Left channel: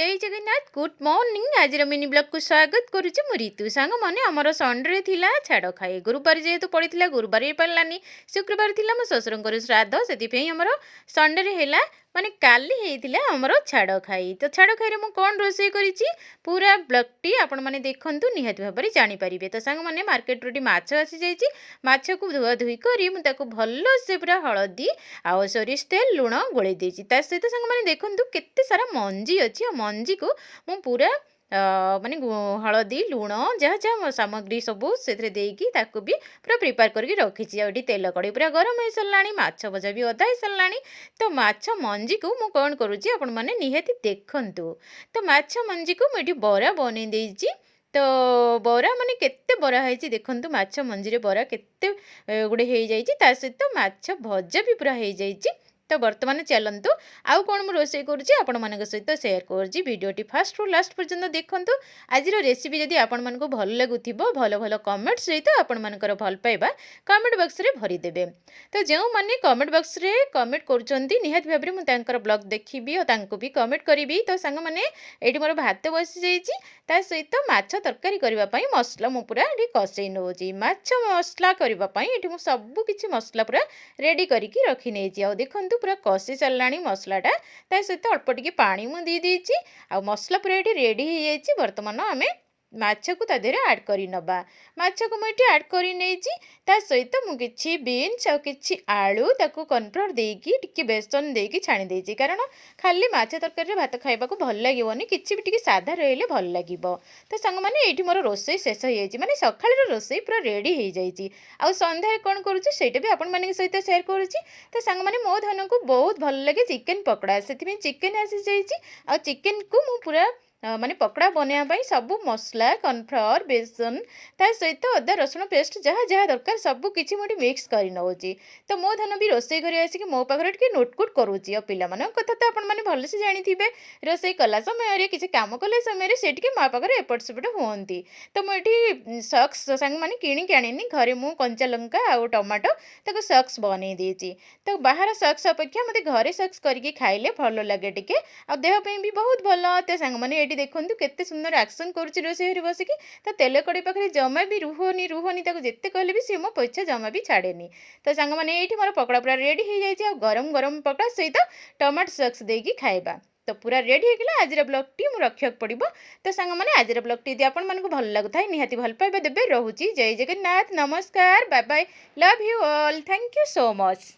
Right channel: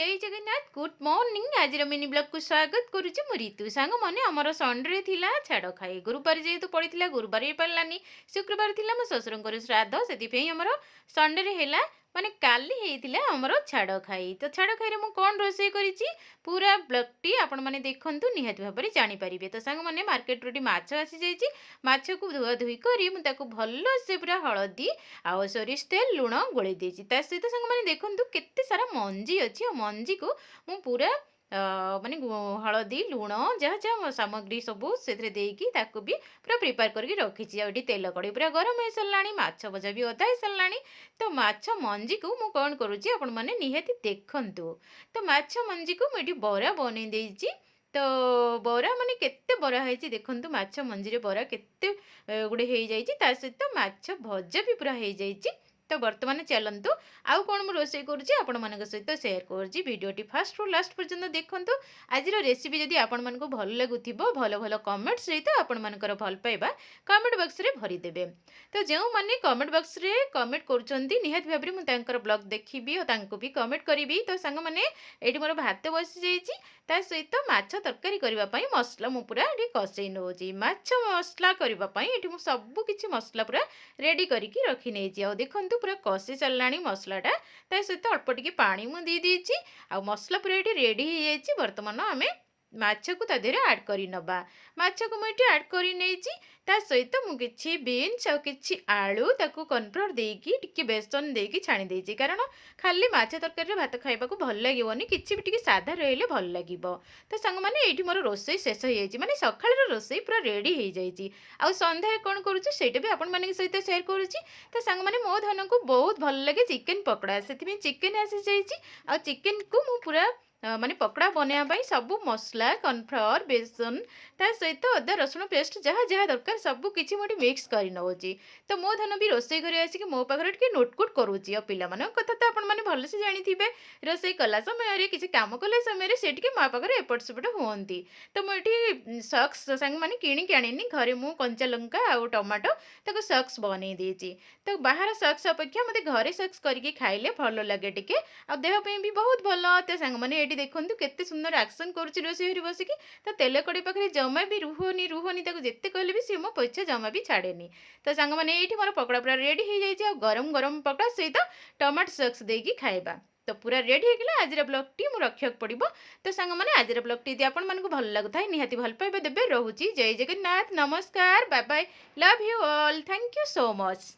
जय Jagannath good morning आज mini blog को स्वागत करुच्ची मु ऋतु सांग मैंने आमर संडे थिला छाड़ खाए गुरुवार जेहेतु पड़ता गुरुवार हो पारानी शुक्रवार थिला मो ससुर श्राद्ध से आमर संडे है माने काली होता आमर छाड़ खाई तो छाड़ खाई मुझे कौन रोसे करी पूरा ब्लॉगटी आपण मैंने देखूँ निहाती भाव में जानीपारे तो सांग मैंने मार्केट रू माछ आसी जाइए माछ को धुआ धुई कर भल से पूरा हलदी आउ सोरिष तेल लुण गोले सहित सांग मैंने देखूँ केते सारा मंजी अच्छी आ मंजी को मु पूरा माने हलदी लुण जहाँ जहाँ सामग्री सबू से भी पूरा प्रिपेयर करके रखी आठी तेल कड़ी पूरा गरम हो सारा माछ भजा भी अदा हो सारा तो माछ मंजी को मु कौन करुच्ची आपण मैंने निहाती देखूँ तो माछ मंजी को मुझे बरा बन देती तो बरा माने केते बरा है देखु माछ मंजी बरा केते गुड़े हो जाए सहित माछ भजा भी पूरा हो जाए तो बर्तमान चलतु आउ कौन मुझे रोसे करुच्ची आपण मान सहित सेयार करुच्ची वीडियोटी फास्ट रु लास्ट पर्यंत देखूँ आज रेसिपी जदि आपण मानक भल लगुथिबो भल भल कमेंट सहित आपण मानकर भल पाइबा कमेंट बॉक्स रे भरीदेवे तो जो मैंने कमेंट बॉक्स रे कमेंट करुँच निहाती भाव में मुझे ब्लॉग देखी और भी कमेंट करी तो सांग मैंने ये मोर भात बसी जाइए सहित माछ तरकारी करने मसला मु पूरा ये कषे नौची माछ मसला करने ये सबू किसी मसला पूरा रेडी करके रखी नहीं आ देखूँ पूरा कषि सारा मसलाटा सहित अल्प टिके पानी मुझे आ मसला पूरा ये रेडी हो जाए बर्तमान आम माछ को तादेह आड कर नवा माछ को मुझे आड कर सहित मुझे बीन्स आ कि आलू ताकू कॉर्नफ्लोर देकी टिके बेसन देकी छाणी देची कारण खाली माछ तरकारी भात खाइबा भल लगे किसी भी टिके साधा रहिले भल लगे तो सांग मैंने ये मोर रोसई शेष हो जाए माने सकाळ रोसई पूरा रेडी हो जाए आ संध्यारे कौन करुच्ची से भी आपण मान सहित सेयार करुच्ची तो सांग मैंने मो धन को बहुत भल लगे चिकेन पकड़ा से चिकेन आसी जाइए आ चिकेन को मु पूरा माने पकड़ा बनाई सबू मसला कॉर्नफ्लोर बेसन सहित अदा रसुण पेस्ट जहाँ जहाँ दरकार सबू किसी मुझे मिक्स कर नौची तो मो धन भी रोसई कर आसिक मो पाखे टे नोटकुट करुच्ची और पिला कथा तो आपने भलसे जानी रोसई कला समय किसी काम कला समय से मो पाखे एपट सेपट हमें तो मुझे सक्स सांग मैंने किणिक आनी घरे मु कंचा लंका आउ टमाटो ताको सक्स बन देती तो बाहर सक्स अपेक्षा मत घरे सक्स करके खाइले भल लगे टिके आ देहपाई भी बहुत भल तो सांग मैंने ये देखूँ केते सुंदर एक्शन करुच्ची रोसई बसिकी तो तेल कड़ी पाखे जमा भी रुहनी रुहनी जिते कहले भी सी मो पैसा जमा भी छाड़ेनी तो सांग मैंने ये मोर पकड़ा पूरा रेडी हो जाए गरम गरम पकड़ा सहित टमाटो सॉस देकी खाइबा तो पूरा रेडी होगा आज ब्लॉगटी मु रखा पड़ो तो सांग मैंने आज ब्लॉगटी यदि आपण मानक भल लगुता निहाती भल पाइबा देबे रोची जय जगन्नाथ नमस्कार bye bye love you all thank you so much.